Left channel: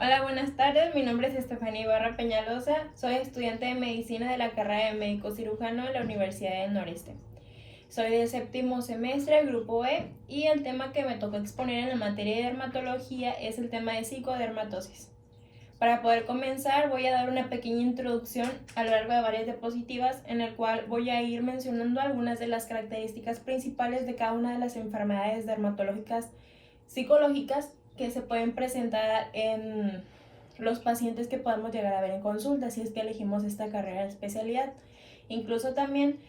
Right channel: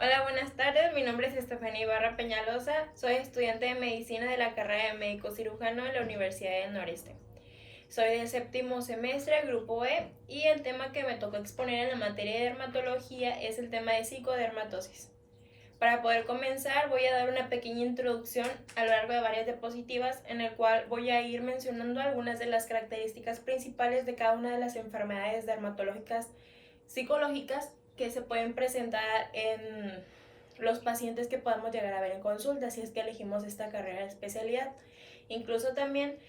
Hola, buenas tardes. Mi nombre es Estefanía Ibarra Peñalosa. Soy estudiante de medicina de la carrera de médico cirujano de la Universidad del Noreste. Soy de séptimo semestre, grupo E, y el tema que me tocó exponer en la materia de dermatología es el tema de psicodermatosis. Para poder comenzar, voy a dar una pequeña introducción a lo largo de varias diapositivas, en el cual voy a ir mencionando algunas de las características principales de cada una de las enfermedades dermatológicas psicológicas que se pueden presentar en los pacientes que podamos llegar a ver en consulta si es que elegimos esta carrera de especialidad. Incluso también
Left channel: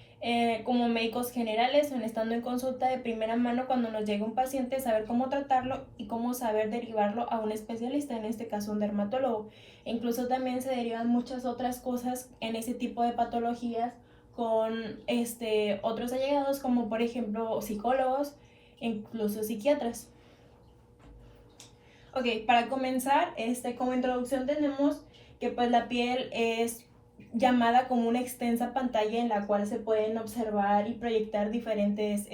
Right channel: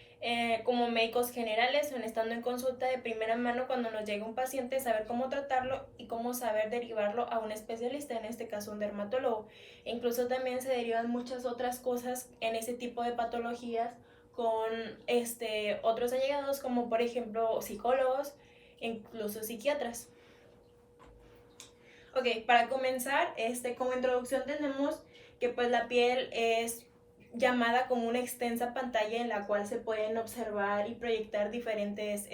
como médicos generales, estando en consulta de primera mano cuando nos llega un paciente, saber cómo tratarlo y cómo saber derivarlo a un especialista, en este caso un dermatólogo. E incluso también se derivan muchas otras cosas en ese tipo de patologías con otros allegados, como por ejemplo psicólogos, incluso psiquiatras. Ok, para comenzar, como introducción tenemos que pues la piel es llamada como una extensa pantalla en la cual se pueden observar y proyectar diferentes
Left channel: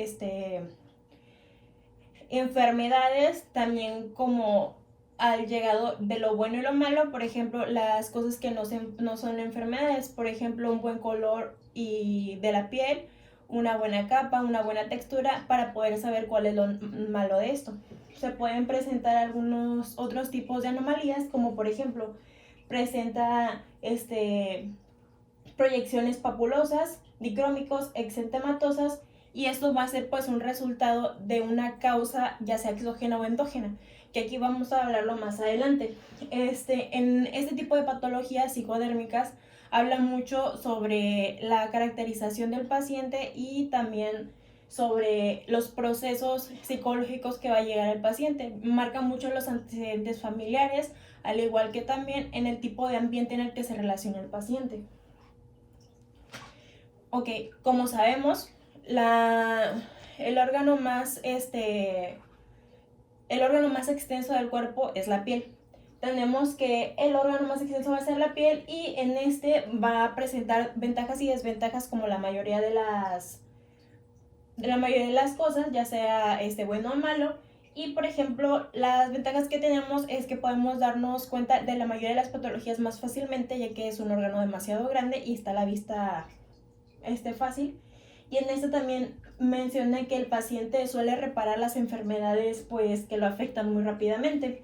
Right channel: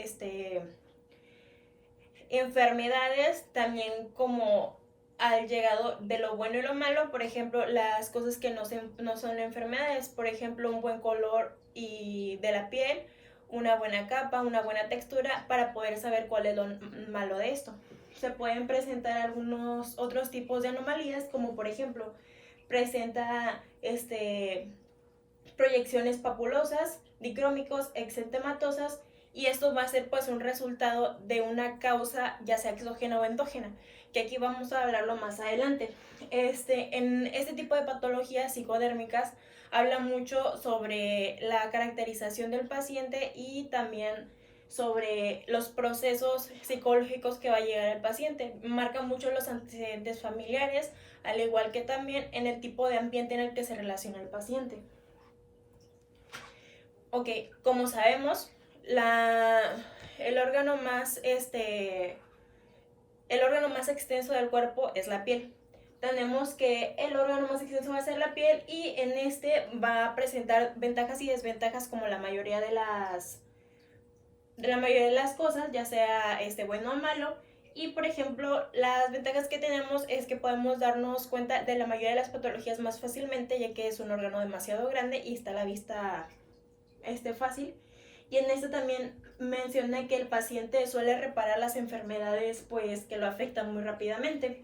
enfermedades, también como al llegado de lo bueno y lo malo, por ejemplo, las cosas que no son enfermedades, por ejemplo, un buen color y de la piel, una buena capa, una buena textura, para poder saber cuál es lo malo de esto. Se pueden presentar algunos otros tipos de anomalías, como por ejemplo, presenta proyecciones papulosas, dicrómicos, exentematosas, y esto va a ser pues un resultado de una causa ya sea exógena o endógena, que aquí vamos a hablarlo más adelante. En este tipo de patologías psicodérmicas habla mucho sobre la caracterización del paciente y también sobre los procesos psicológicos que va a llegar el paciente. Marca mucho los antecedentes familiares, al igual que también en el tipo de ambiente en el que se relaciona el paciente. Ok, como sabemos, el órgano más el órgano más extenso del cuerpo es la piel. Tenemos que el órgano más extenso va a ser la piel, y en va a presentar ventajas y desventajas como la mayoría de las cosas, ya sea bueno o malo. Y por ejemplo, las ventajas que tenemos es que podemos darnos cuenta de la mayoría de las patologías más fácilmente, ya que es un órgano demasiado grande y está a la vista fácil. Y en esto también mencioné que el paciente suele reparar las enfermedades pues que lo afectan muy rápidamente.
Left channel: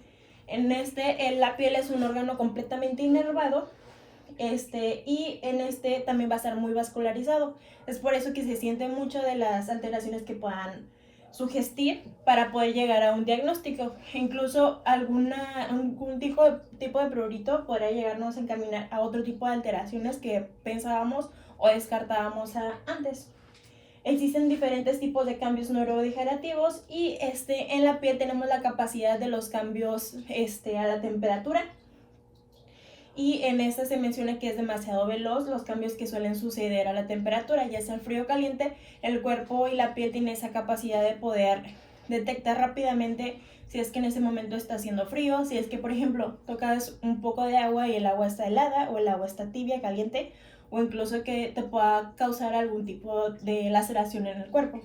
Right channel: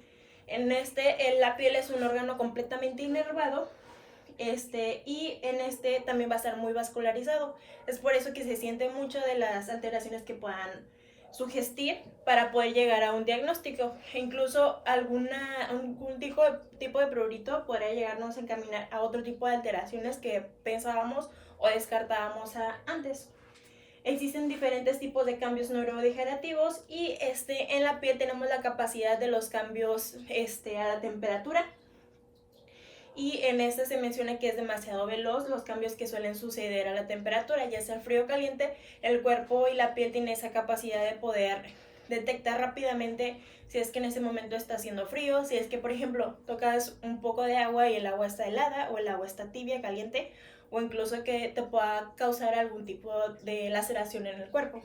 La piel es un órgano completamente inervado, y en también va a estar muy vascularizado. Es por eso que se siente mucho de las alteraciones que puedan sugestir para poder llegar a un diagnóstico. Incluso algún tipo de prurito podría llegarnos a encaminar a otro tipo de alteraciones que pensábamos o descartábamos antes. Existen diferentes tipos de cambios neurodegenerativos, y en la piel tenemos la capacidad de los cambios a la temperatura, y en esta se menciona que es demasiado veloz los cambios que suelen suceder a la temperatura, ya sea el frío o caliente. El cuerpo y la piel tienen esa capacidad de poder detectar rápidamente si es que en ese momento está haciendo frío, si es que por ejemplo tocas un poco de agua y el agua está helada o el agua está tibia, caliente, o incluso que te pueda causar algún tipo de laceración en el cuerpo.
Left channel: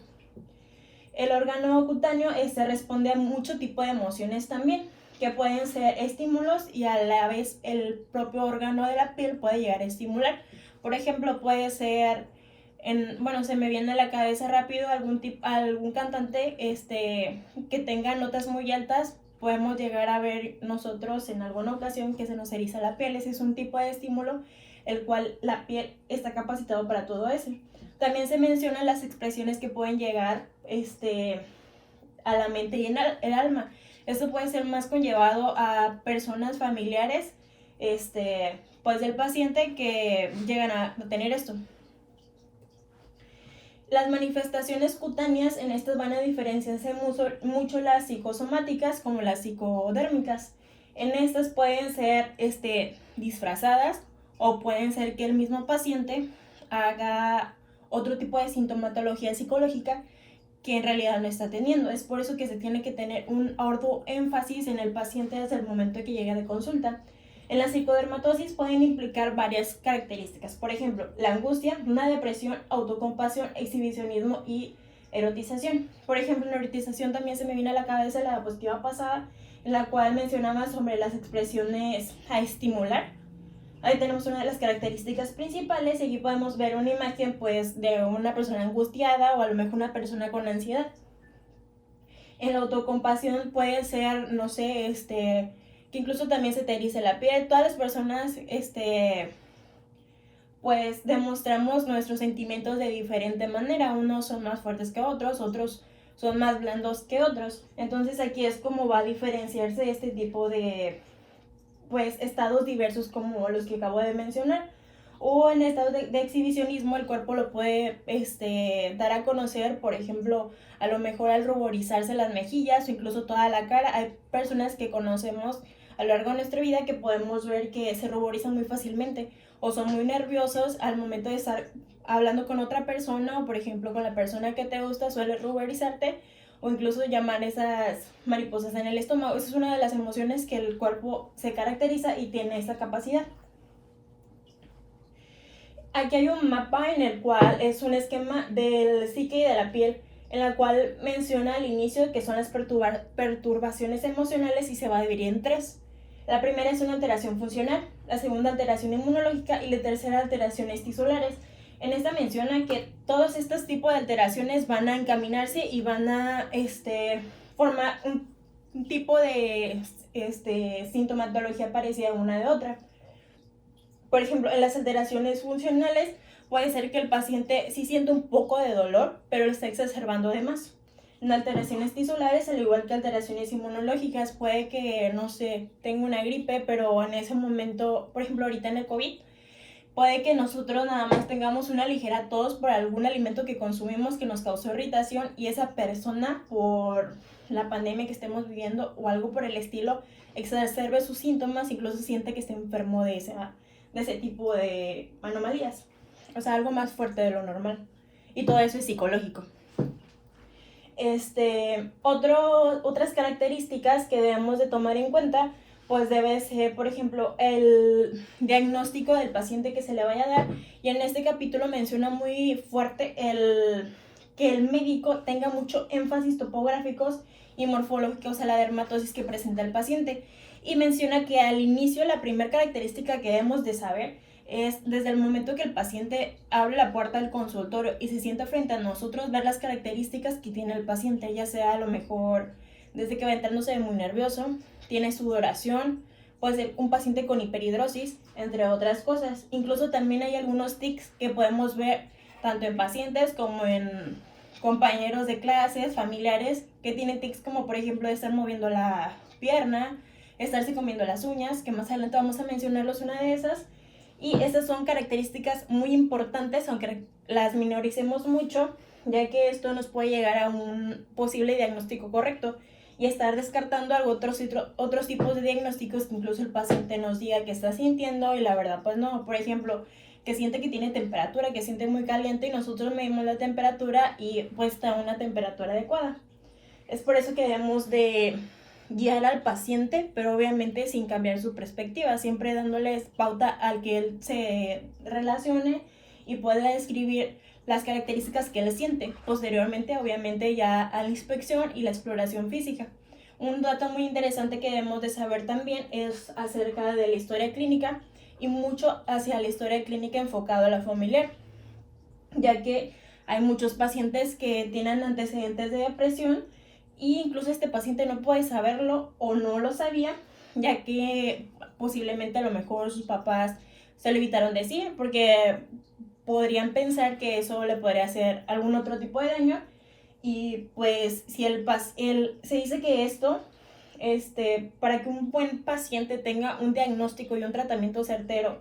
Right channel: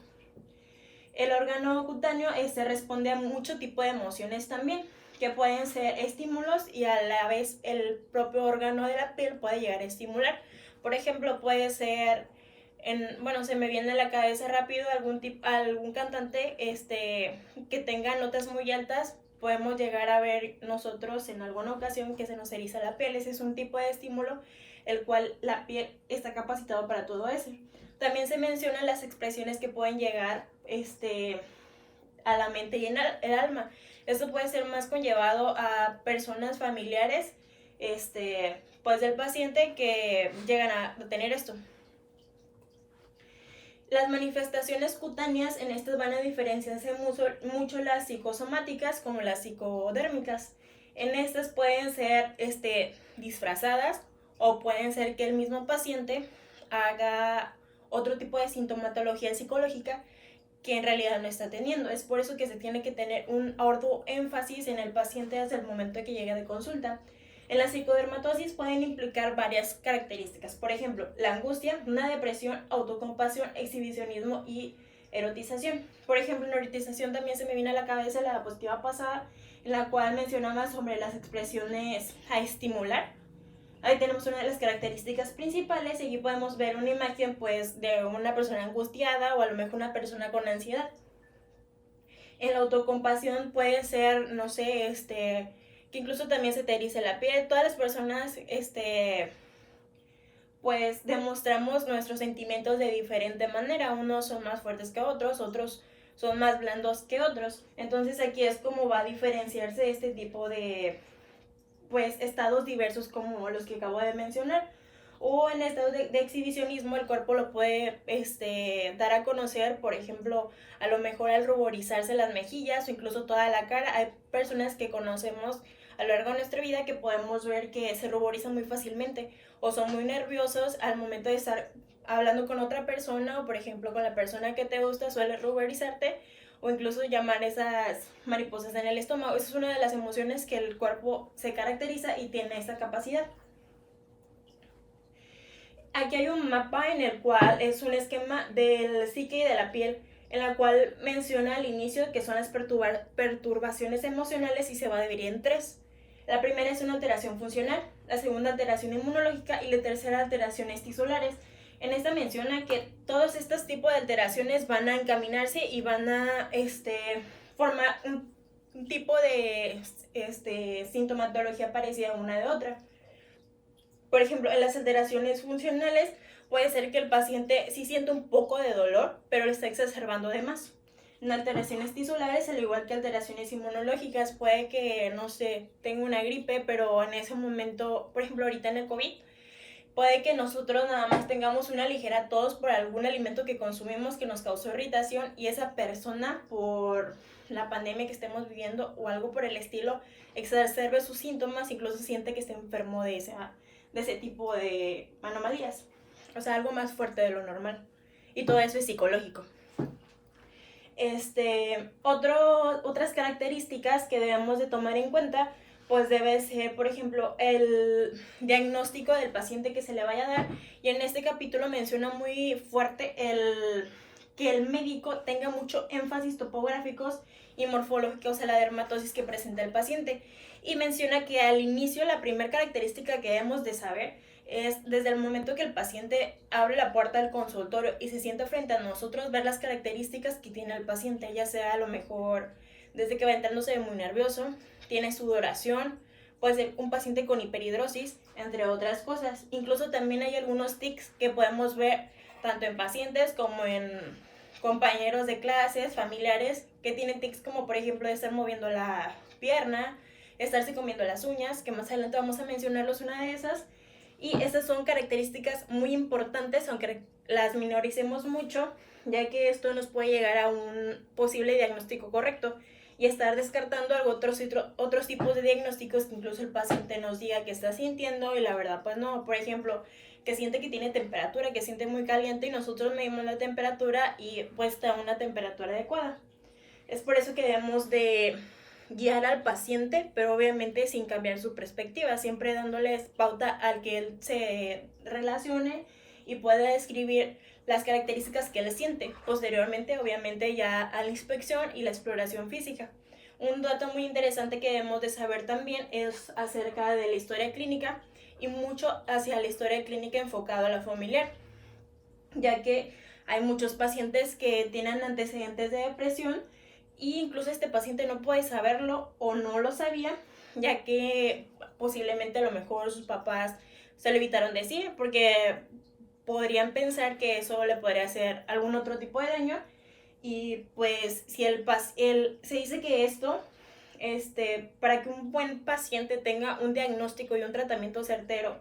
El órgano cutáneo responde a mucho tipo de emociones también, que pueden ser estímulos, y a la vez el propio órgano de la piel puede llegar a estimular. Por ejemplo, puede ser, se me viene a la cabeza rápido algún cantante que tenga notas muy altas. Podemos llegar a ver nosotros en alguna ocasión que se nos eriza la piel. Ese es un tipo de estímulo, el cual la piel está capacitado para todo eso. También se mencionan las expresiones que pueden llegar a la mente y el alma. Esto puede ser más conllevado a personas familiares pues del paciente que llegan a tener esto. Las manifestaciones cutáneas en estas van a diferenciarse mucho las psicosomáticas como las psicodérmicas. En estas pueden ser disfrazadas, o pueden ser que el mismo paciente haga otro tipo de sintomatología psicológica que en realidad no está teniendo. Es por eso que se tiene que tener un arduo énfasis en el paciente desde el momento que llega de consulta. En la psicodermatosis pueden implicar varias características, por ejemplo, la angustia, una depresión, autocompasión, exhibicionismo y erotización. Por ejemplo, en la erotización también se me viene a la cabeza la diapositiva pasada, en la cual mencionaba sobre las expresiones a estimular. Ahí tenemos una de las características principales y aquí podemos ver una imagen pues de una persona angustiada o a lo mejor una persona con ansiedad. En la autocompasión puede ser, no sé, que incluso también se te erice la piel. Todas las personas, pues demostramos nuestros sentimientos de diferente manera. Unos son más fuertes que otros son más blandos que otros. Entonces aquí es como va a diferenciarse este tipo de, pues, estados diversos como los que acabo de mencionar. O en estado de exhibicionismo el cuerpo lo puede dar a conocer, por ejemplo, a lo mejor al ruborizarse las mejillas o incluso toda la cara. Hay personas que conocemos a lo largo de nuestra vida que podemos ver que se ruborizan muy fácilmente o son muy nerviosos al momento de estar hablando con otra persona o por ejemplo con la persona que te gusta suele ruborizarte o incluso llamar esas mariposas en el estómago. Esa es una de las emociones que el cuerpo se caracteriza y tiene esa capacidad. Aquí hay un mapa en el cual es un esquema del psique y de la piel, en la cual menciona al inicio que son las perturbaciones emocionales y se va a dividir en tres. La primera es una alteración funcional, la segunda alteración inmunológica y la tercera alteraciones tisulares. En esta menciona que todos estos tipos de alteraciones van a encaminarse y van a formar un tipo de sintomatología parecida una de otra. Por ejemplo, en las alteraciones funcionales puede ser que el paciente sí siente un poco de dolor, pero lo está exacerbando de más. En alteraciones tisulares, al igual que alteraciones inmunológicas, puede que, no sé, tenga una gripe, pero en ese momento, por ejemplo, ahorita en el COVID, puede que nosotros nada más tengamos una ligera tos por algún alimento que consumimos que nos causó irritación y esa persona, por la pandemia que estemos viviendo o algo por el estilo, exacerbe sus síntomas, incluso siente que está enfermo de ese tipo de anomalías. O sea, algo más fuerte de lo normal. Y todo eso es psicológico. Otras características que debemos de tomar en cuenta, pues debe ser, por ejemplo, el diagnóstico del paciente que se le vaya a dar. Y en este capítulo menciona muy fuerte que el médico tenga mucho énfasis topográficos y morfológicos a la dermatosis que presenta el paciente. Y menciona que al inicio la primera característica que debemos de saber es desde el momento que el paciente abre la puerta del consultorio y se sienta frente a nosotros, ver las características que tiene el paciente, ya sea a lo mejor desde que va entrando se ve muy nervioso, tiene sudoración, puede ser un paciente con hiperhidrosis, entre otras cosas. Incluso también hay algunos tics que podemos ver tanto en pacientes como en compañeros de clases, familiares, que tienen tics como por ejemplo de estar moviendo la pierna, estarse comiendo las uñas, que más adelante vamos a mencionarlos una de esas. Y esas son características muy importantes, aunque las minoricemos mucho, ya que esto nos puede llegar a un posible diagnóstico correcto y estar descartando otros tipos de diagnósticos que incluso el paciente nos diga que está sintiendo y la verdad pues no. Por ejemplo, que siente que tiene temperatura, que siente muy caliente y nosotros medimos la temperatura y pues está a una temperatura adecuada. Es por eso que debemos de guiar al paciente, pero obviamente sin cambiar su perspectiva, siempre dándoles pauta al que él se relacione y pueda describir las características que él siente. Posteriormente, obviamente, ya a la inspección y la exploración física. Un dato muy interesante que debemos de saber también es acerca de la historia clínica y mucho hacia la historia clínica enfocado a la familiar, ya que hay muchos pacientes que tienen antecedentes de depresión y incluso este paciente no puede saberlo o no lo sabía, ya que posiblemente a lo mejor sus papás se lo evitaron decir porque podrían pensar que eso le podría hacer algún otro tipo de daño. Y pues si se dice que esto, para que un buen paciente tenga un diagnóstico y un tratamiento certero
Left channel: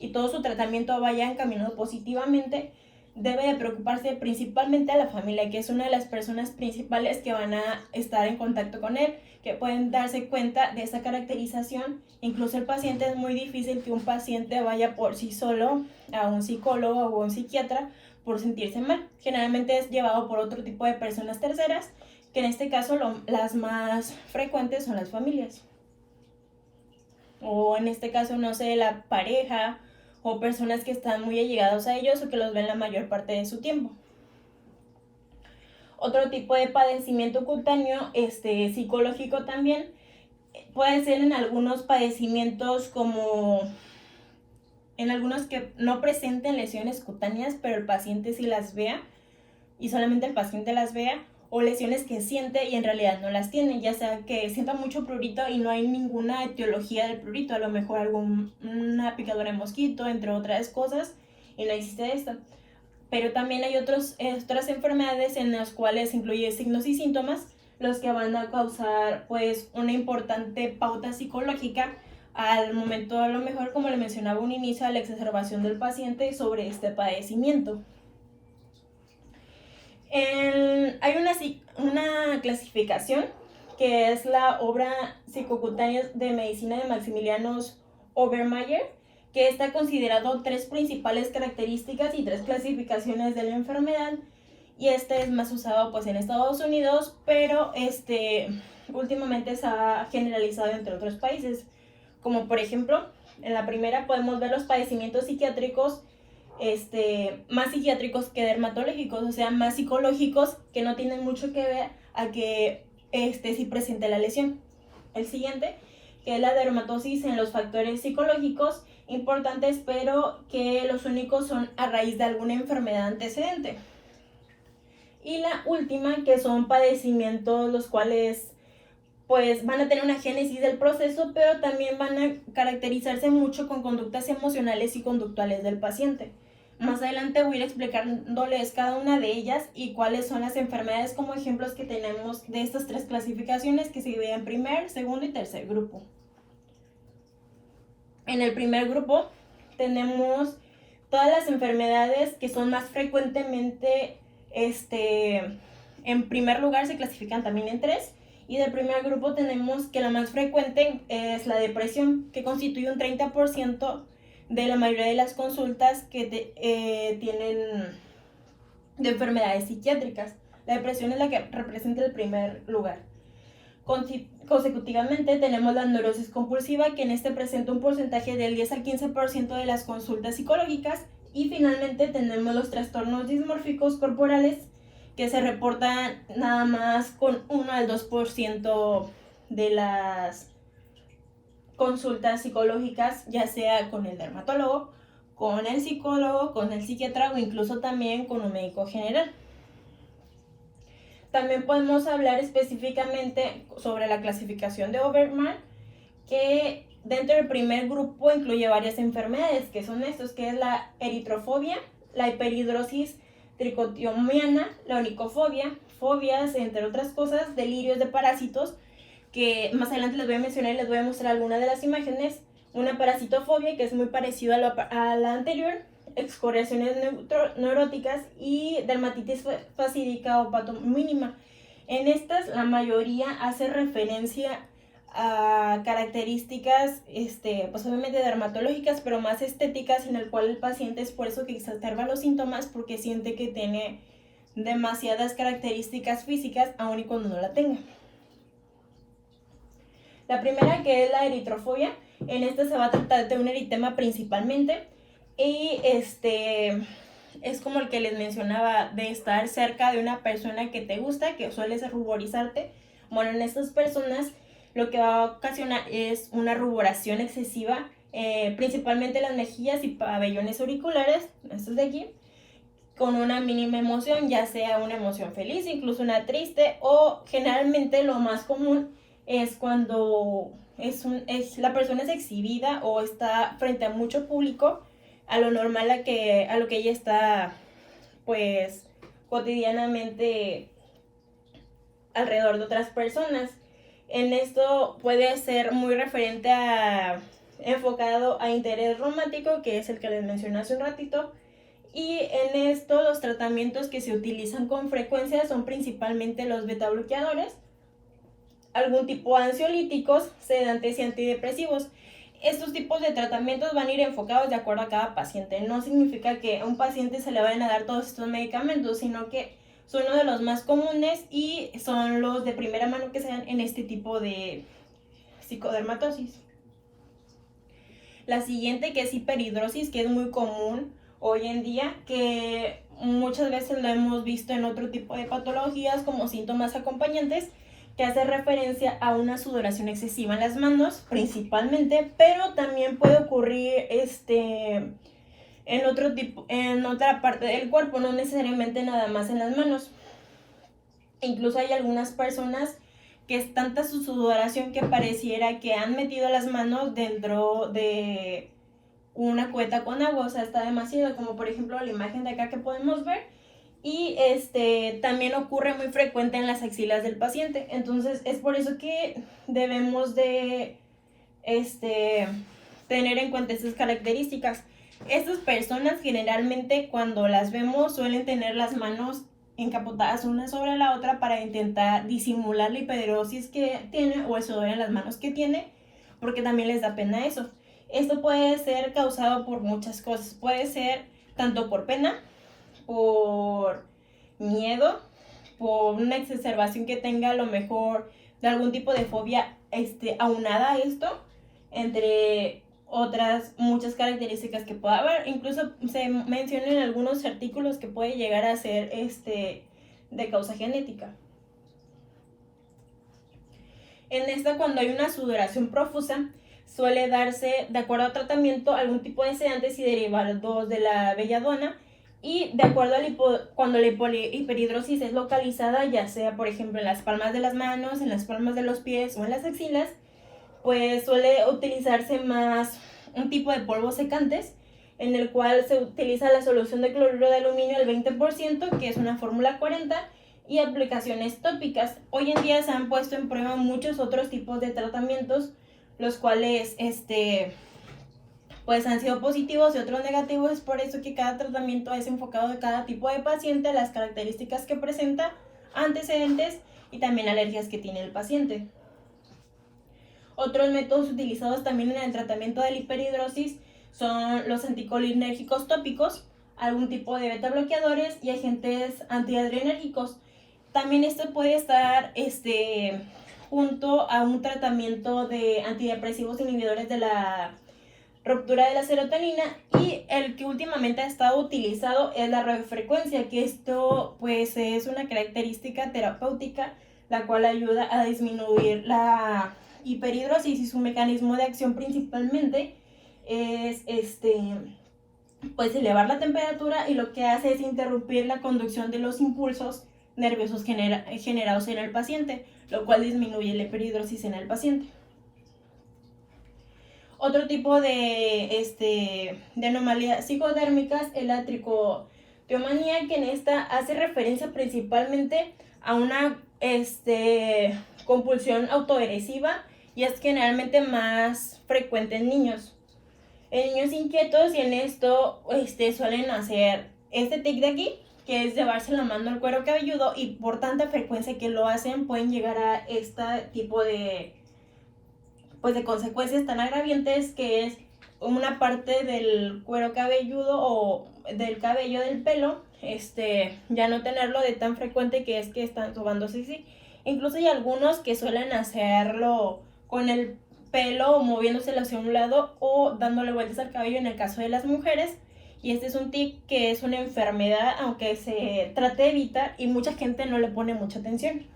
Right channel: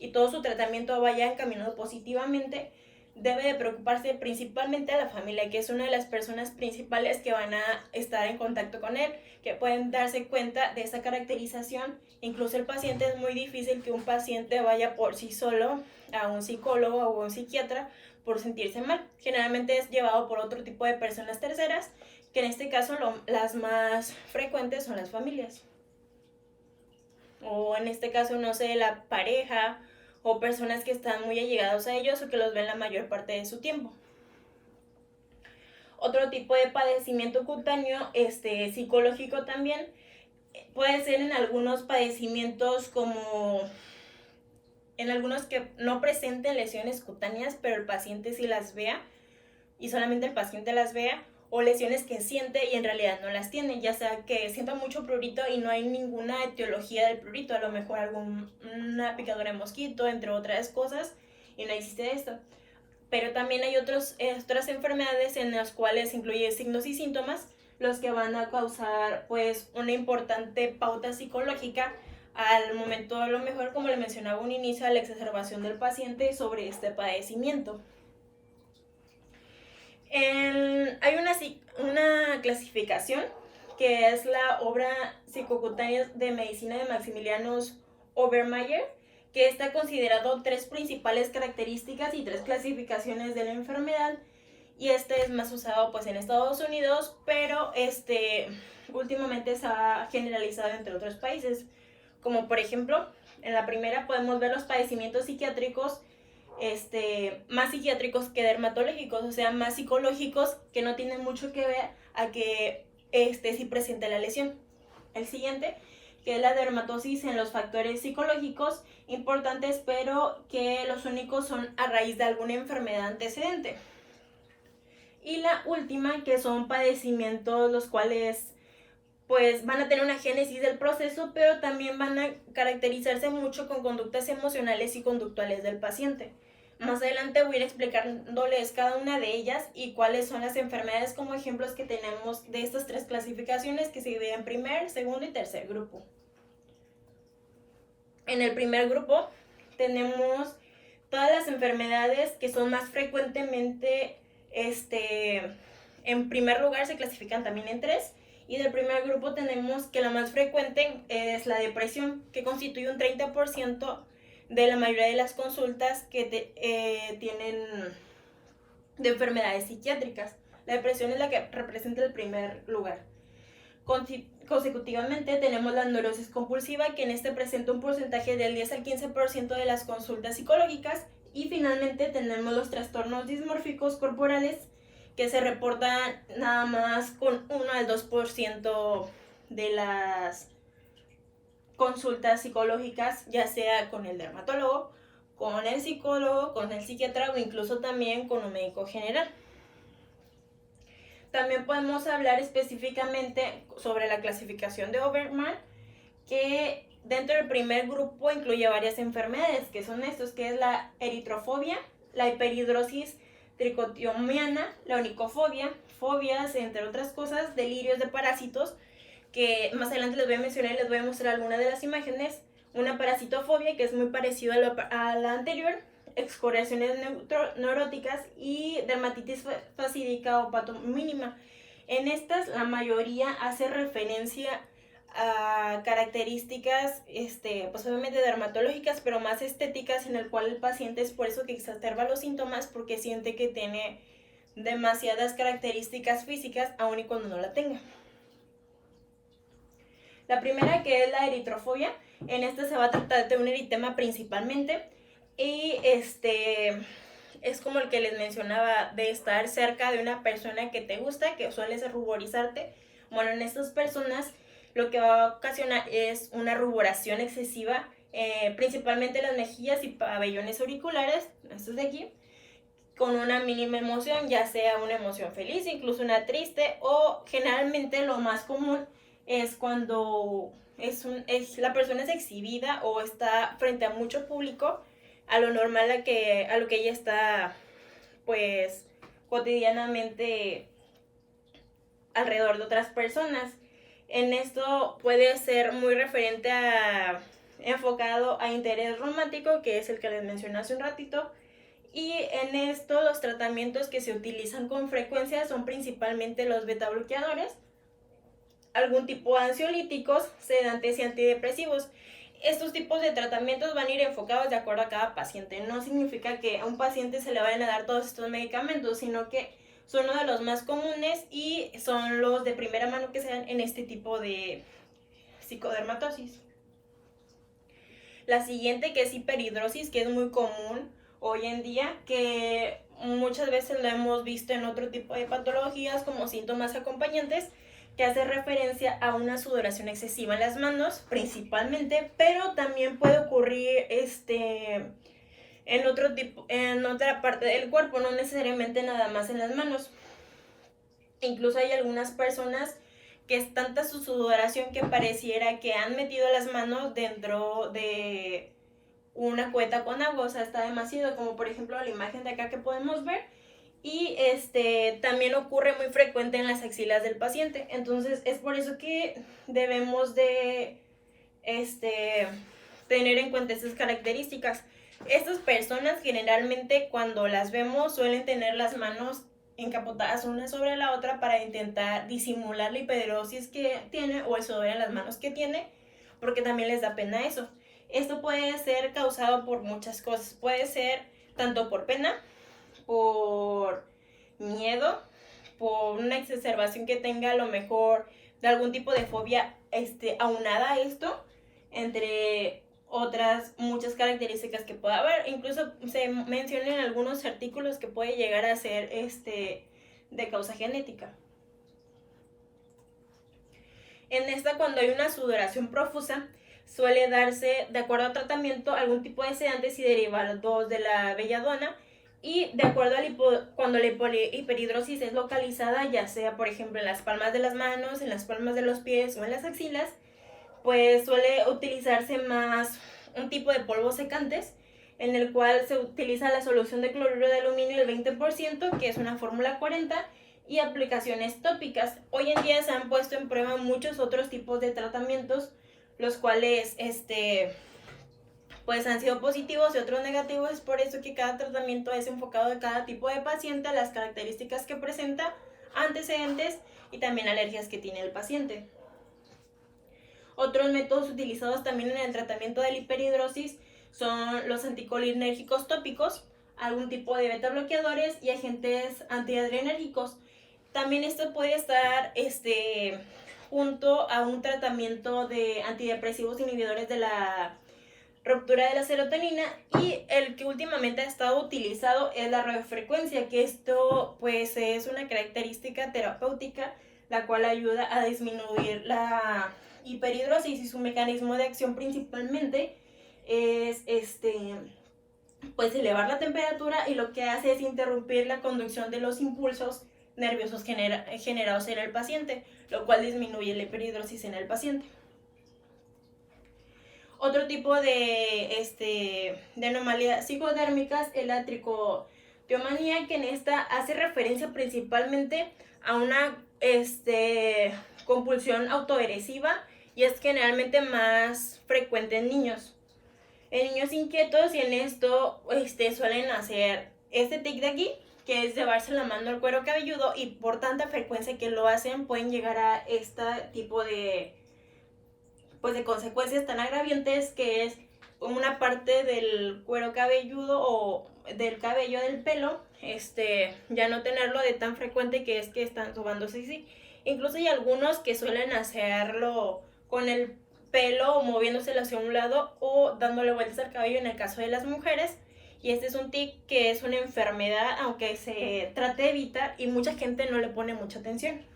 y todo su tratamiento vaya encaminado positivamente, debe de preocuparse principalmente a la familia, que es una de las personas principales que van a estar en contacto con él, que pueden darse cuenta de esa caracterización. Incluso el paciente, es muy difícil que un paciente vaya por sí solo a un psicólogo o a un psiquiatra por sentirse mal. Generalmente es llevado por otro tipo de personas terceras, que en este caso las más frecuentes son las familias. O en este caso, no sé, la pareja o personas que están muy allegados a ellos o que los ven la mayor parte de su tiempo. Otro tipo de padecimiento cutáneo, psicológico también, Puede ser en algunos padecimientos como en algunos que no presenten lesiones cutáneas, pero el paciente sí las vea y solamente el paciente las vea, o lesiones que siente y en realidad no las tiene, ya sea que sienta mucho prurito y no hay ninguna etiología del prurito, a lo mejor una picadura de mosquito, entre otras cosas, y no existe esto. Pero también hay otras enfermedades en las cuales incluye signos y síntomas, los que van a causar pues una importante pauta psicológica al momento, a lo mejor, como le mencionaba un inicio, a la exacerbación del paciente sobre este padecimiento. Hay una clasificación que es la obra psicocutánea de medicina de Maximiliano Obermayer, que está considerado 3 principales características y 3 clasificaciones de la enfermedad, y este es más usado pues en Estados Unidos, pero últimamente se ha generalizado entre otros países, como por ejemplo, en la primera podemos ver los padecimientos psiquiátricos, más psiquiátricos que dermatológicos, o sea, más psicológicos, que no tienen mucho que ver a que sí presente la lesión. El siguiente, que es la dermatosis en los factores psicológicos importantes, pero que los únicos son a raíz de alguna enfermedad antecedente. Y la última, que son padecimientos los cuales pues van a tener una génesis del proceso, pero también van a caracterizarse mucho con conductas emocionales y conductuales del paciente. Más adelante voy a ir explicándoles cada una de ellas y cuáles son las enfermedades como ejemplos que tenemos de estas 3 clasificaciones, que se dividen en primer, segundo y tercer grupo. En el primer grupo tenemos todas las enfermedades que son más frecuentemente, en primer lugar se clasifican también en 3. Y del primer grupo tenemos que la más frecuente es la depresión, que constituye un 30% de la mayoría de las consultas que tienen de enfermedades psiquiátricas. La depresión es la que representa el primer lugar. Consecutivamente tenemos la neurosis compulsiva, que en este presenta un porcentaje del 10 al 15% de las consultas psicológicas. Y finalmente tenemos los trastornos dismórficos corporales, que se reportan nada más con 1 al 2% de las consultas psicológicas, ya sea con el dermatólogo, con el psicólogo, con el psiquiatra o incluso también con un médico general. También podemos hablar específicamente sobre la clasificación de Oberman, que dentro del primer grupo incluye varias enfermedades, que son estos, que es la eritrofobia, la hiperhidrosis tricotomiana, la onicofobia, fobias, entre otras cosas, delirios de parásitos, que más adelante les voy a mencionar y les voy a mostrar algunas de las imágenes. Una parasitofobia, que es muy parecida a la anterior, excoriaciones neuróticas y dermatitis facídica o patomínima. En estas, la mayoría hace referencia a características, pues obviamente dermatológicas, pero más estéticas, en el cual el paciente es por eso que exacerba los síntomas, porque siente que tiene demasiadas características físicas, aun y cuando no la tenga. La primera, que es la eritrofobia, en esta se va a tratar de un eritema principalmente, y es como el que les mencionaba, de estar cerca de una persona que te gusta, que sueles ruborizarte. Bueno, en estas personas lo que va a ocasionar es una ruboración excesiva, principalmente las mejillas y pabellones auriculares, estos de aquí, con una mínima emoción, ya sea una emoción feliz, incluso una triste, o generalmente lo más común es cuando la persona es exhibida o está frente a mucho público, a lo normal a lo que ella está pues cotidianamente alrededor de otras personas. En esto puede ser muy referente enfocado a interés romántico, que es el que les mencioné hace un ratito. Y en esto los tratamientos que se utilizan con frecuencia son principalmente los beta bloqueadores, algún tipo de ansiolíticos, sedantes y antidepresivos. Estos tipos de tratamientos van a ir enfocados de acuerdo a cada paciente. No significa que a un paciente se le vayan a dar todos estos medicamentos, sino que son uno de los más comunes y son los de primera mano que se dan en este tipo de psicodermatosis. La siguiente, que es hiperhidrosis, que es muy común hoy en día, que muchas veces lo hemos visto en otro tipo de patologías como síntomas acompañantes, que hace referencia a una sudoración excesiva en las manos, principalmente, pero también puede ocurrir en otra parte del cuerpo, no necesariamente nada más en las manos. Incluso hay algunas personas que es tanta su sudoración que pareciera que han metido las manos dentro de una cubeta con agua, o sea, está demasiado, como por ejemplo la imagen de acá que podemos ver. Y también ocurre muy frecuente en las axilas del paciente. Entonces es por eso que debemos de tener en cuenta estas características. Estas personas generalmente cuando las vemos suelen tener las manos encapotadas una sobre la otra para intentar disimular la hiperhidrosis que tiene o el sudor en las manos que tiene, porque también les da pena eso. Esto puede ser causado por muchas cosas. Puede ser tanto por pena, por miedo, por una exacerbación que tenga a lo mejor de algún tipo de fobia aunada a esto, entre otras muchas características que pueda haber. Incluso se menciona en algunos artículos que puede llegar a ser de causa genética. En esta, cuando hay una sudoración profusa, suele darse, de acuerdo al tratamiento, algún tipo de sedantes y derivados de la belladona. Y de acuerdo a cuando la hiperhidrosis es localizada, ya sea por ejemplo en las palmas de las manos, en las palmas de los pies o en las axilas, pues suele utilizarse más un tipo de polvos secantes, en el cual se utiliza la solución de cloruro de aluminio el 20%, que es una fórmula 40, y aplicaciones tópicas. Hoy en día se han puesto en prueba muchos otros tipos de tratamientos, los cuales pues han sido positivos y otros negativos. Es por eso que cada tratamiento es enfocado de cada tipo de paciente, las características que presenta, antecedentes y también alergias que tiene el paciente. Otros métodos utilizados también en el tratamiento de la hiperhidrosis son los anticolinérgicos tópicos, algún tipo de beta bloqueadores y agentes antiadrenérgicos. También esto puede estar junto a un tratamiento de antidepresivos inhibidores de la ruptura de la serotonina, y el que últimamente ha estado utilizado es la radiofrecuencia, que esto pues es una característica terapéutica la cual ayuda a disminuir la hiperhidrosis, y su mecanismo de acción principalmente es pues elevar la temperatura, y lo que hace es interrumpir la conducción de los impulsos nerviosos generados en el paciente, lo cual disminuye la hiperhidrosis en el paciente. Otro tipo de anomalías psicodérmicas es la tricoteomanía, que en esta hace referencia principalmente a una compulsión autoagresiva, y es generalmente más frecuente en niños. En niños inquietos, y en esto suelen hacer este tic de aquí, que es llevarse la mano al cuero cabelludo, y por tanta frecuencia que lo hacen pueden llegar a este tipo de consecuencias tan agraviantes, que es una parte del cuero cabelludo o del cabello del pelo, ya no tenerlo de tan frecuente, que es que están sobándose así. Incluso hay algunos que suelen hacerlo con el pelo o moviéndoselo hacia un lado o dándole vueltas al cabello en el caso de las mujeres. Y este es un tic que es una enfermedad, aunque se trate de evitar, y mucha gente no le pone mucha atención.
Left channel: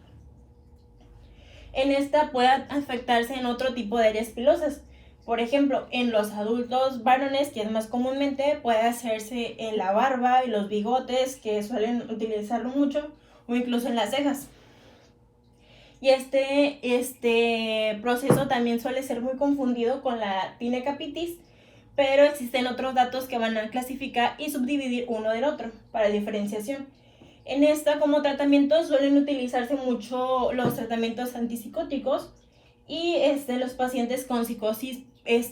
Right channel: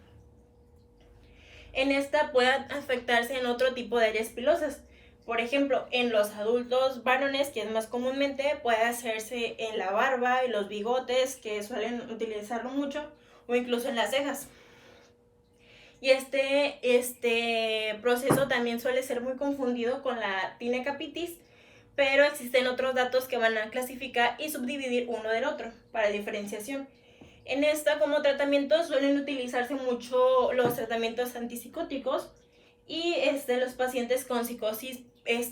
En esta puede afectarse en otro tipo de áreas pilosas. Por ejemplo, en los adultos varones, que es más comúnmente, puede hacerse en la barba y los bigotes, que suelen utilizarlo mucho, o incluso en las cejas. Y este proceso también suele ser muy confundido con la tinecapitis, pero existen otros datos que van a clasificar y subdividir uno del otro para diferenciación. En esta, como tratamiento, suelen utilizarse mucho los tratamientos antipsicóticos, y los pacientes con psicosis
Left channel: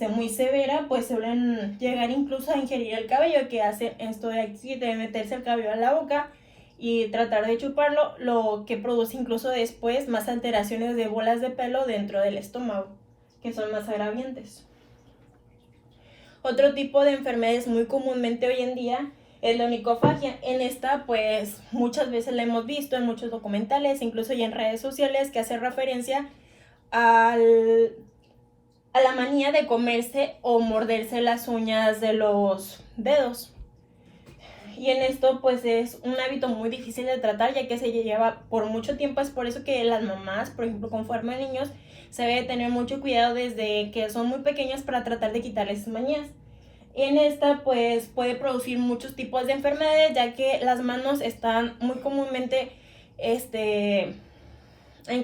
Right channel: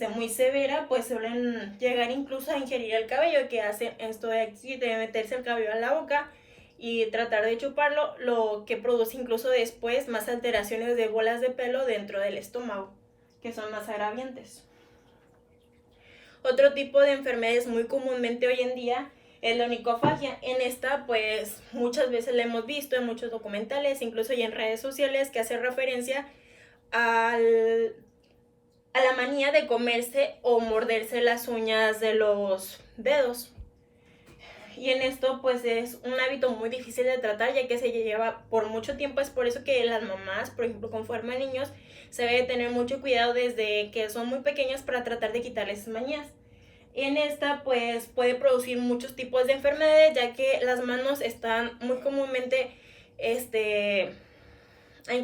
muy severa pues suelen llegar incluso a ingerir el cabello, que hacen esto de aquí, de meterse el cabello en la boca y tratar de chuparlo, lo que produce incluso después más alteraciones de bolas de pelo dentro del estómago, que son más agraviantes. Otro tipo de enfermedades muy comúnmente hoy en día es la onicofagia. En esta pues muchas veces la hemos visto en muchos documentales, incluso y en redes sociales, que hace referencia a la manía de comerse o morderse las uñas de los dedos. y en esto pues es un hábito muy difícil de tratar, ya que se lleva por mucho tiempo. Es por eso que las mamás, por ejemplo, con forma de niños, se debe tener mucho cuidado desde que son muy pequeños para tratar de quitarles sus manías. En esta pues puede producir muchos tipos de enfermedades, ya que las manos están muy comúnmente en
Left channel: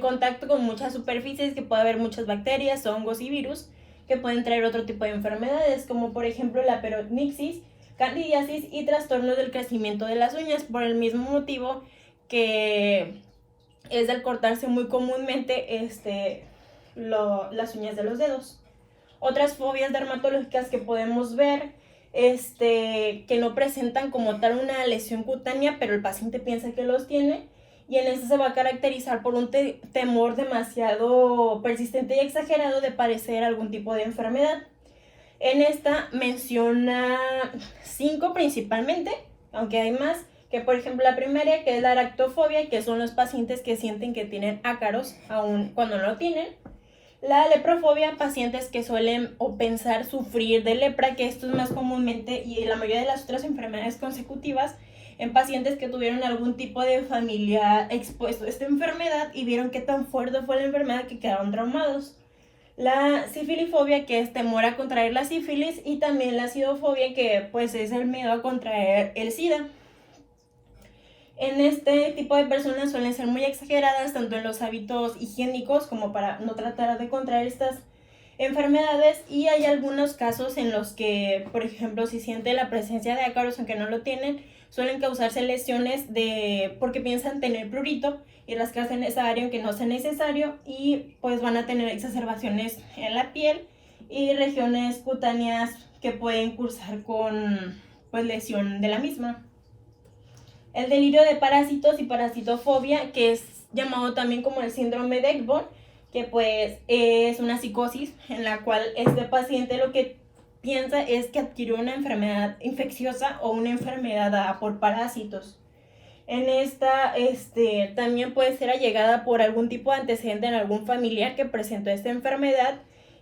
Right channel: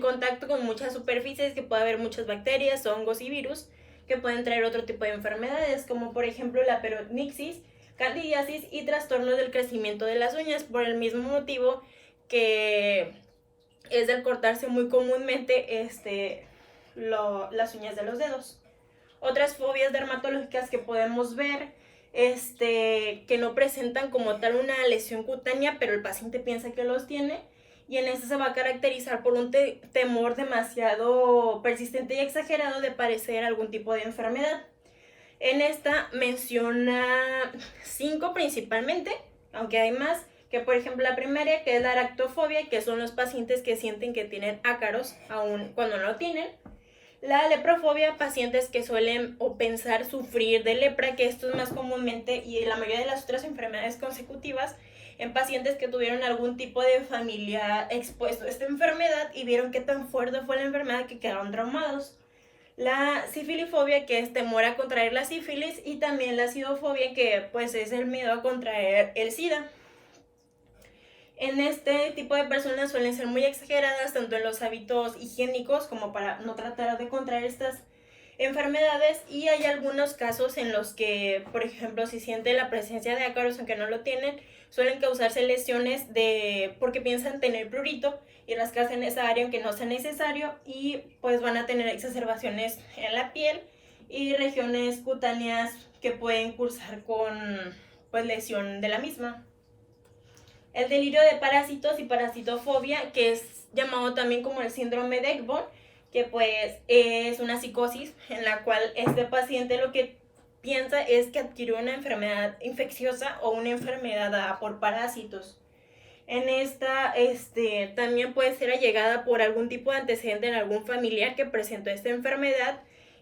contacto con muchas superficies, que puede haber muchas bacterias, hongos y virus que pueden traer otro tipo de enfermedades, como por ejemplo la peritonitis, candidiasis y trastornos del crecimiento de las uñas, por el mismo motivo que es del cortarse muy comúnmente las uñas de los dedos. Otras fobias dermatológicas que podemos ver, que no presentan como tal una lesión cutánea, pero el paciente piensa que los tiene, y en este se va a caracterizar por un temor demasiado persistente y exagerado de padecer algún tipo de enfermedad. En esta menciona 5 principalmente, aunque hay más, que por ejemplo la primera, que es la aracnofobia, que son los pacientes que sienten que tienen ácaros aun cuando no lo tienen. La leprofobia, pacientes que suelen o pensar sufrir de lepra, que esto es más comúnmente y la mayoría de las otras enfermedades consecutivas en pacientes que tuvieron algún tipo de familiar expuesto a esta enfermedad y vieron qué tan fuerte fue la enfermedad que quedaron traumados. La sifilifobia, que es temor a contraer la sífilis, y también la acidofobia, que pues es el miedo a contraer el SIDA. En este tipo de personas suelen ser muy exageradas tanto en los hábitos higiénicos como para no tratar de contraer estas enfermedades, y hay algunos casos en los que, por ejemplo, si siente la presencia de ácaros aunque no lo tienen, suelen causarse lesiones porque piensan tener prurito y rascarse en esa área aunque no sea necesario, y pues van a tener exacerbaciones en la piel y regiones cutáneas que pueden cursar con pues lesión de la misma. El delirio de parásitos y parasitofobia, que es llamado también como el síndrome de Ekbom, que pues es una psicosis en la cual este paciente lo que piensa es que adquirió una enfermedad infecciosa o una enfermedad por parásitos. En esta también puede ser allegada por algún tipo de antecedente en algún familiar que presentó esta enfermedad,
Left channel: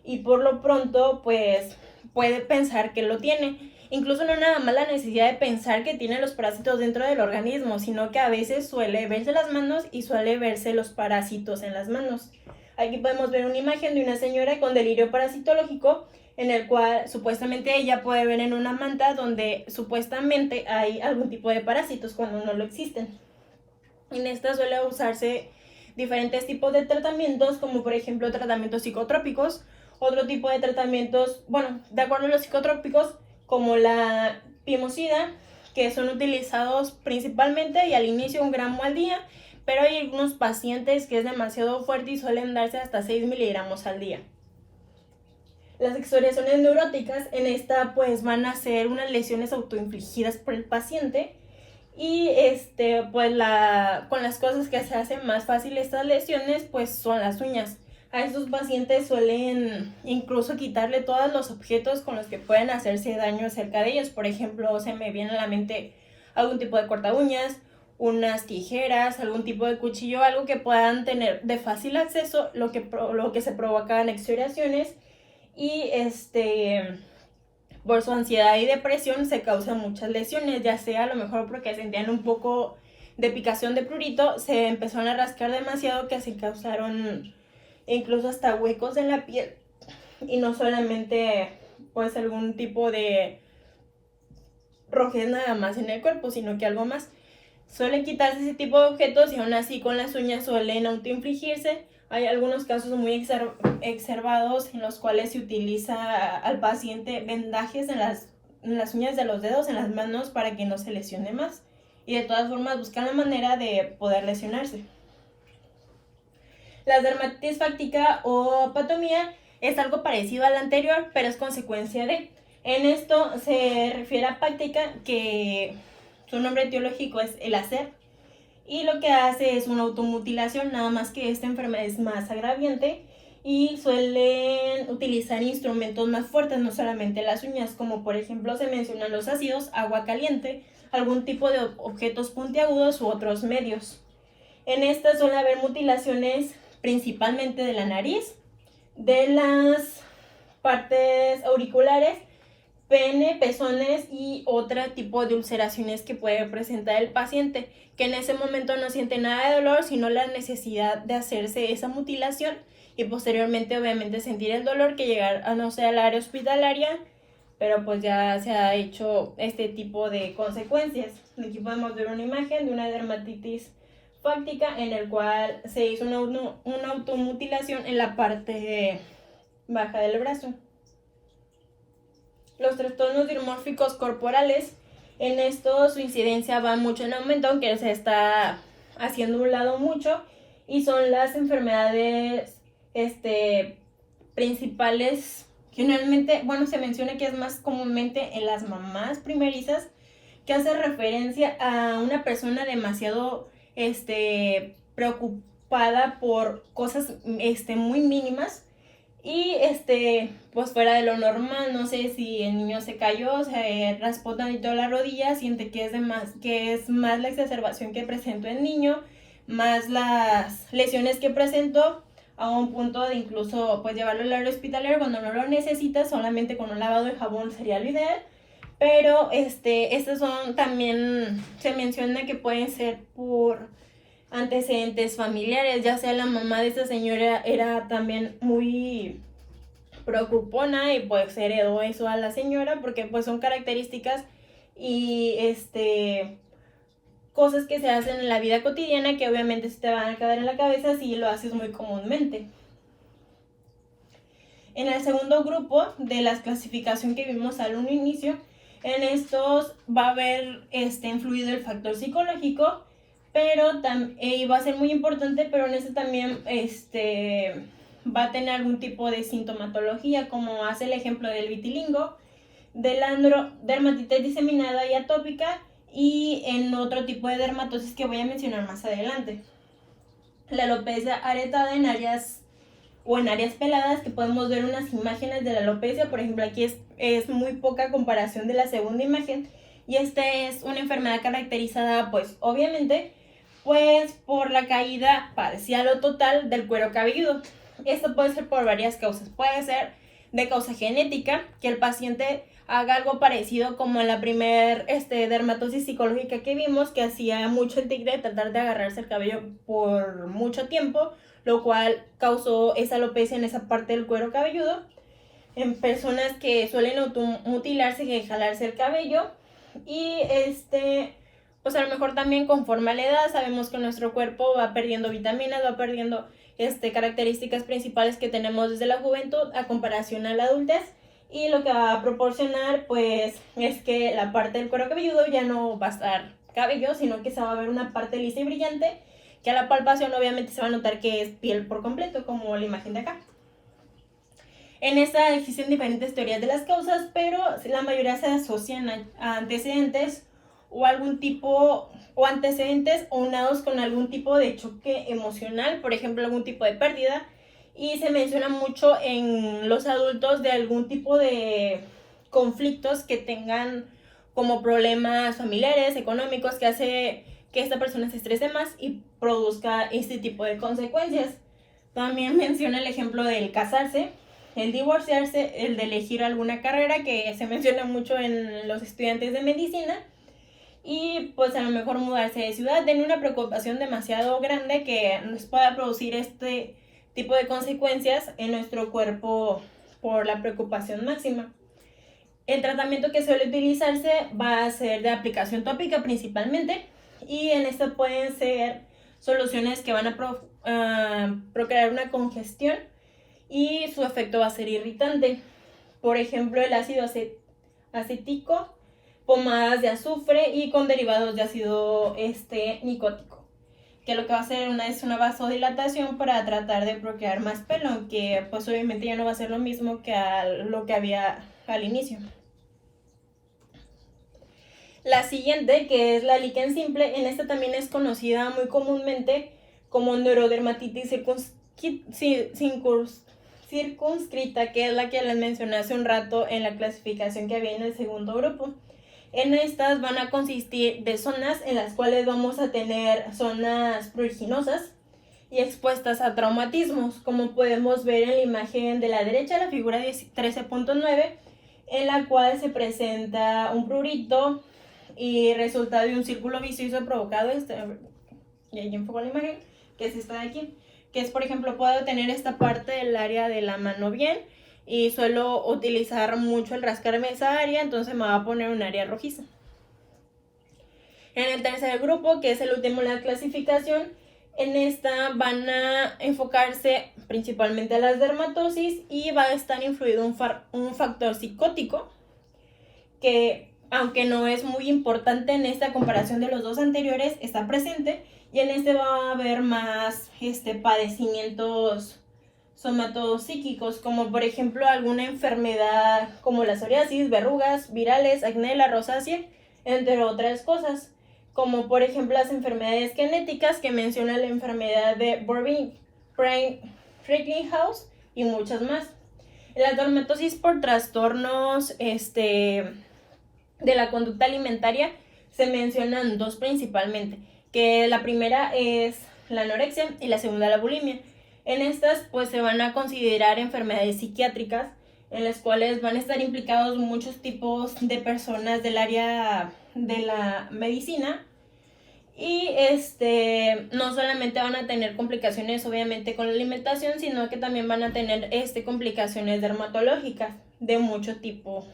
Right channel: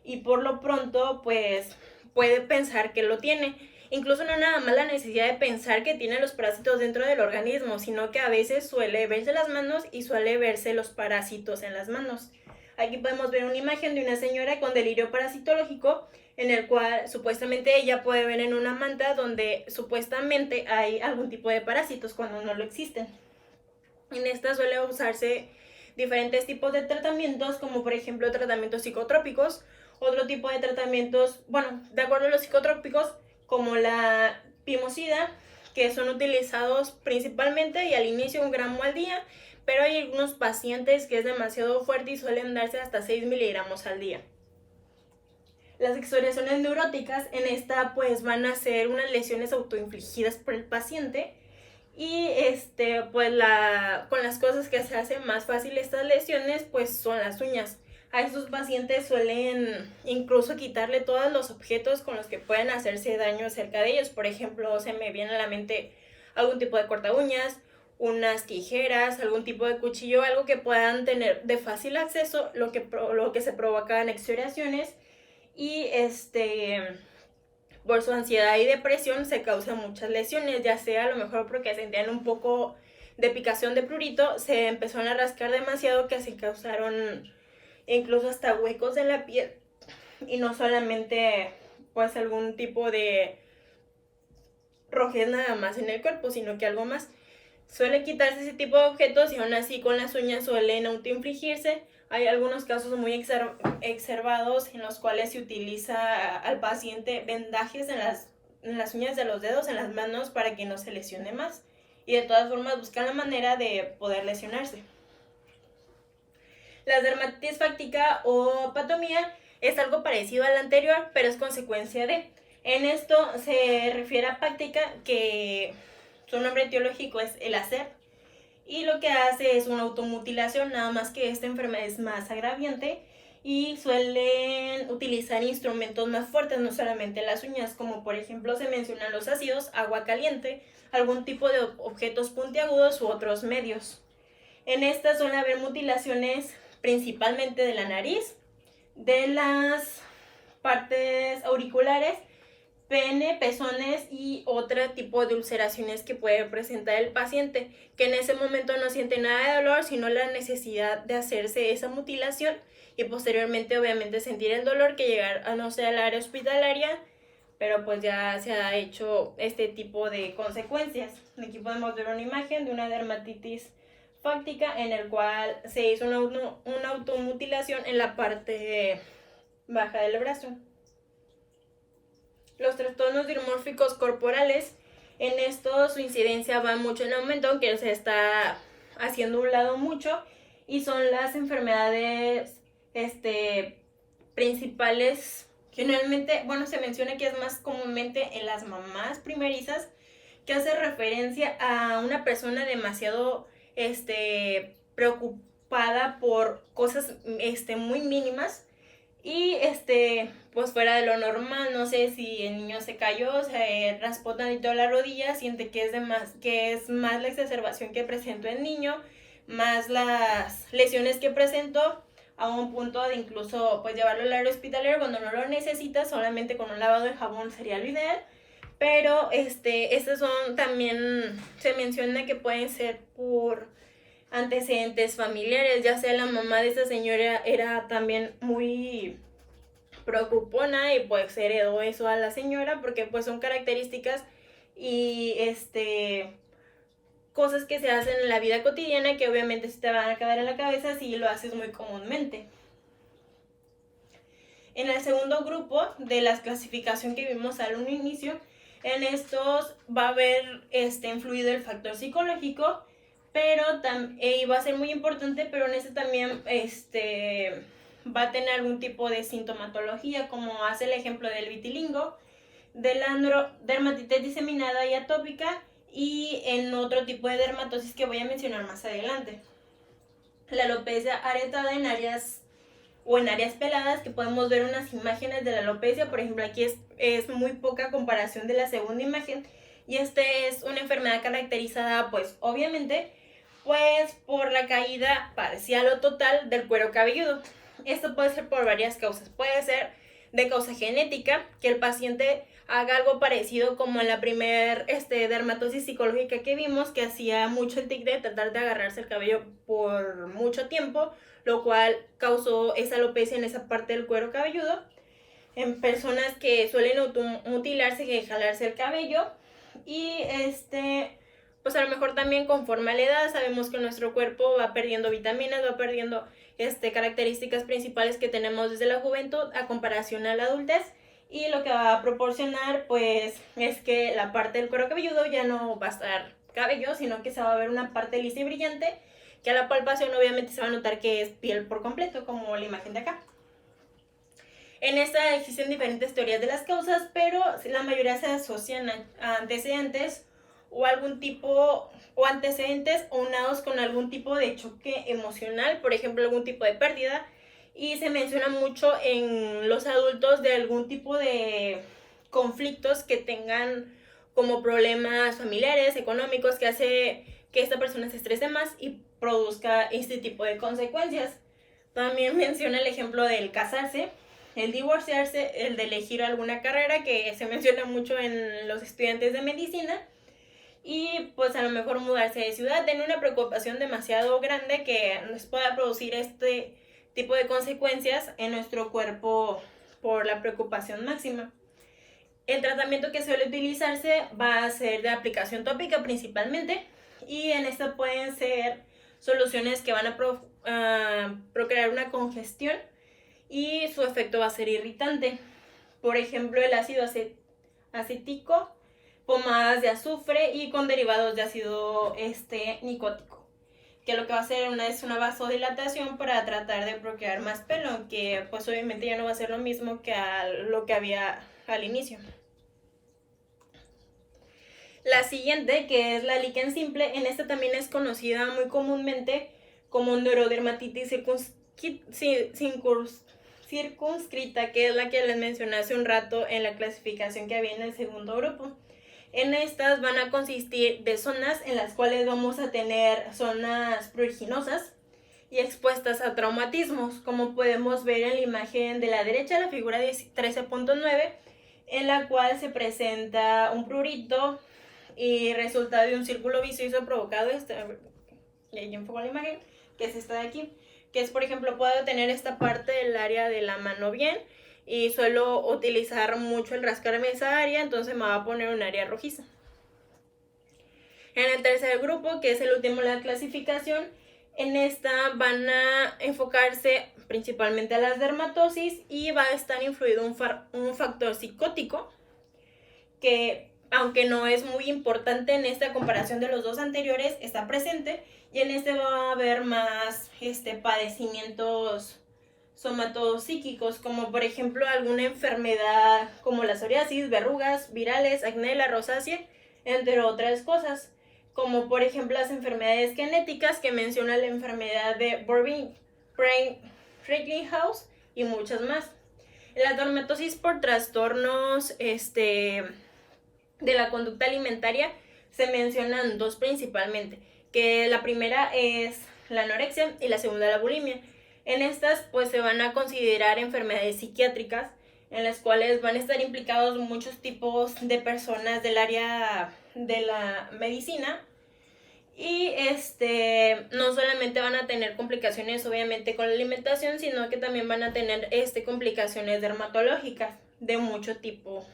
y por lo pronto pues puede pensar que lo tiene. Incluso no nada más la necesidad de pensar que tiene los parásitos dentro del organismo, sino que a veces suele verse las manos y suele verse los parásitos en las manos. Aquí podemos ver una imagen de una señora con delirio parasitológico, en el cual supuestamente ella puede ver en una manta donde supuestamente hay algún tipo de parásitos cuando no lo existen. En esta suele usarse diferentes tipos de tratamientos, como por ejemplo tratamientos psicotrópicos, otro tipo de tratamientos, bueno, de acuerdo a los psicotrópicos, como la pimosida, que son utilizados principalmente y al inicio 1 gramo al día, pero hay algunos pacientes que es demasiado fuerte y suelen darse hasta 6 miligramos al día. Las excoriaciones neuróticas, en esta pues van a ser unas lesiones autoinfligidas por el paciente, y pues con las cosas que se hacen más fácil estas lesiones pues son las uñas. A estos pacientes suelen incluso quitarle todos los objetos con los que pueden hacerse daño cerca de ellos. Por ejemplo, se me viene a la mente algún tipo de corta uñas, unas tijeras, algún tipo de cuchillo, algo que puedan tener de fácil acceso, lo que se provocan excoriaciones, y por su ansiedad y depresión se causan muchas lesiones, ya sea a lo mejor porque sentían un poco de picación de prurito, se empezaron a rascar demasiado que se causaron incluso hasta huecos en la piel, y no solamente pues algún tipo de rojez nada más en el cuerpo, sino que algo más. Suelen quitarse ese tipo de objetos y aún así con las uñas suelen autoinfligirse. Hay algunos casos muy exacerbados en los cuales se utiliza al paciente vendajes en las uñas de los dedos, en las manos, para que no se lesione más. Y de todas formas buscan la manera de poder lesionarse. La dermatitis fáctica o patomía es algo parecido a la anterior, pero es consecuencia de. En esto se refiere a práctica, que su nombre etiológico es el hacer, y lo que hace es una automutilación, nada más que esta enfermedad es más agraviante y suelen utilizar instrumentos más fuertes, no solamente las uñas, como por ejemplo se mencionan los ácidos, agua caliente, algún tipo de objetos puntiagudos u otros medios. En esta suele haber mutilaciones principalmente de la nariz, de las partes auriculares, pene, pezones y otro tipo de ulceraciones que puede presentar el paciente, que en ese momento no siente nada de dolor, sino la necesidad de hacerse esa mutilación y posteriormente obviamente sentir el dolor que llegar a no ser al área hospitalaria, pero pues ya se ha hecho este tipo de consecuencias. Aquí podemos ver una imagen de una dermatitis fáctica en el cual se hizo una automutilación en la parte baja del brazo. Los trastornos dimórficos corporales, en esto su incidencia va mucho en aumento, aunque se está haciendo un lado mucho, y son las enfermedades principales. Generalmente, bueno, se menciona que es más comúnmente en las mamás primerizas, que hace referencia a una persona demasiado preocupada por cosas muy mínimas y pues fuera de lo normal. No sé si el niño se cayó, se raspó tantito la rodilla, siente que es más la exacerbación que presentó el niño, más las lesiones que presentó, a un punto de incluso pues llevarlo al área hospitalaria cuando no lo necesita. Solamente con un lavado de jabón sería lo ideal. Pero estos son también, se menciona que pueden ser por antecedentes familiares, ya sea la mamá de esta señora era también muy preocupona y pues heredó eso a la señora, porque pues son características y cosas que se hacen en la vida cotidiana que obviamente se te van a quedar en la cabeza si lo haces muy comúnmente. En el segundo grupo de la clasificación que vimos al inicio, en estos va a haber influido el factor psicológico, pero va a ser muy importante, pero en este también va a tener algún tipo de sintomatología, como hace el ejemplo del vitiligo, de la dermatitis diseminada y atópica, y en otro tipo de dermatosis que voy a mencionar más adelante. La alopecia aretada en áreas peladas, que podemos ver unas imágenes de la alopecia. Por ejemplo, aquí es muy poca comparación de la segunda imagen, y esta es una enfermedad caracterizada pues obviamente pues por la caída parcial o total del cuero cabelludo. Esto puede ser por varias causas. Puede ser de causa genética, que el paciente haga algo parecido como en la primer dermatosis psicológica que vimos, que hacía mucho el tigre de tratar de agarrarse el cabello por mucho tiempo, lo cual causó esa alopecia en esa parte del cuero cabelludo. En personas que suelen automutilarse, que jalarse el cabello, y pues a lo mejor también conforme a la edad sabemos que nuestro cuerpo va perdiendo vitaminas, va perdiendo características principales que tenemos desde la juventud a comparación a la adultez, y lo que va a proporcionar pues es que la parte del cuero cabelludo ya no va a estar cabello, sino que se va a ver una parte lisa y brillante, que a la palpación obviamente se va a notar que es piel por completo, como la imagen de acá. En esta existen diferentes teorías de las causas, pero la mayoría se asocian a antecedentes o algún tipo, o antecedentes unados con algún tipo de choque emocional, por ejemplo, algún tipo de pérdida. Y se menciona mucho en los adultos de algún tipo de conflictos que tengan como problemas familiares, económicos, que hace que esta persona se estrese más y produzca este tipo de consecuencias. También menciona el ejemplo del casarse, el divorciarse, el de elegir alguna carrera, que se menciona mucho en los estudiantes de medicina, y pues a lo mejor mudarse de ciudad, tener una preocupación demasiado grande que nos pueda producir este tipo de consecuencias en nuestro cuerpo por la preocupación máxima. El tratamiento que suele utilizarse va a ser de aplicación tópica principalmente, y en esto pueden ser soluciones que van a procrear una congestión y su efecto va a ser irritante. Por ejemplo, el ácido acético, pomadas de azufre y con derivados de ácido nicótico, que lo que va a hacer es una vasodilatación para tratar de procrear más pelo, aunque pues obviamente ya no va a ser lo mismo que lo que había al inicio. La siguiente, que es la líquen simple, en esta también es conocida muy comúnmente como neurodermatitis circunscrita, que es la que les mencioné hace un rato en la clasificación que había en el segundo grupo. En estas van a consistir de zonas en las cuales vamos a tener zonas pruriginosas y expuestas a traumatismos, como podemos ver en la imagen de la derecha, la figura 13.9. en la cual se presenta un prurito y resulta de un círculo vicioso provocado, y ahí enfoco la imagen, que es esta de aquí, que es, por ejemplo, puedo tener esta parte del área de la mano bien y suelo utilizar mucho el rascarme esa área, entonces me va a poner un área rojiza. En el tercer grupo, que es el último de la clasificación, en esta van a enfocarse principalmente a las dermatosis y va a estar influido un factor psicótico que, aunque no es muy importante en esta comparación de los dos anteriores, está presente, y en este va a haber más padecimientos somatopsíquicos, como por ejemplo alguna enfermedad como la psoriasis, verrugas, virales, acné, la rosácea, entre otras cosas, como por ejemplo las enfermedades genéticas que menciona la enfermedad de Brigham-House y muchas más. La dermatosis por trastornos de la conducta alimentaria se mencionan dos principalmente, que la primera es la anorexia y la segunda la bulimia. En estas pues se van a considerar enfermedades psiquiátricas en las cuales van a estar implicados muchos tipos de personas del área de la medicina y no solamente van a tener complicaciones obviamente con la alimentación, sino que también van a tener complicaciones dermatológicas de mucho tipo.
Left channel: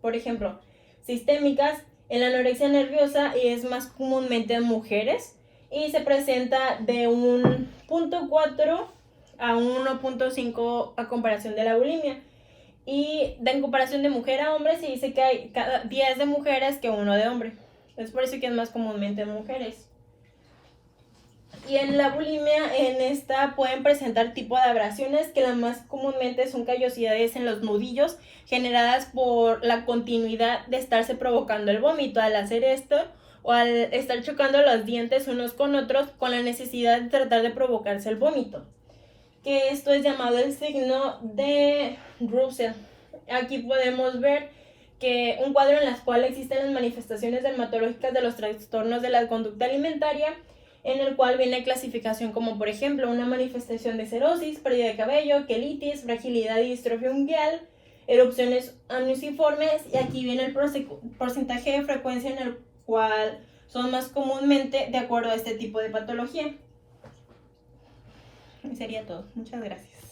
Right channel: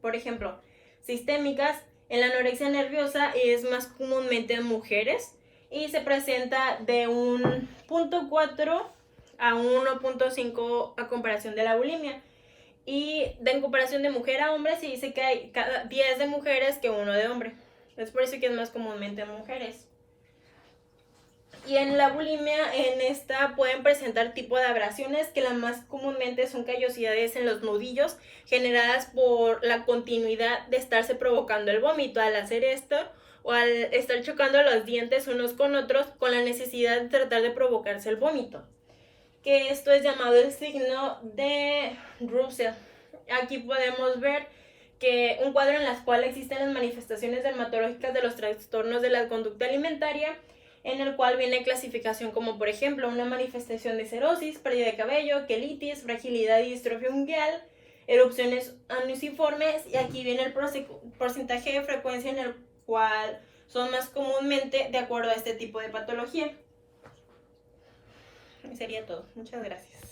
Por ejemplo, sistémicas, en la anorexia nerviosa es más comúnmente en mujeres y se presenta de un 0.4 a 1.5 a comparación de la bulimia. Y en comparación de mujer a hombre se dice que hay cada 10 de mujeres que 1 de hombre. Es por eso que es más comúnmente en mujeres. Y en la bulimia, en esta pueden presentar tipo de abrasiones que las más comúnmente son callosidades en los nudillos generadas por la continuidad de estarse provocando el vómito al hacer esto o al estar chocando los dientes unos con otros con la necesidad de tratar de provocarse el vómito, que esto es llamado el signo de Russell. Aquí podemos ver que un cuadro en el cual existen las manifestaciones dermatológicas de los trastornos de la conducta alimentaria, en el cual viene clasificación como por ejemplo una manifestación de cerosis, pérdida de cabello, quelitis, fragilidad y distrofia ungueal, erupciones anunciformes, y aquí viene el porcentaje de frecuencia en el cual son más comúnmente de acuerdo a este tipo de patología. Y sería todo. Muchas gracias.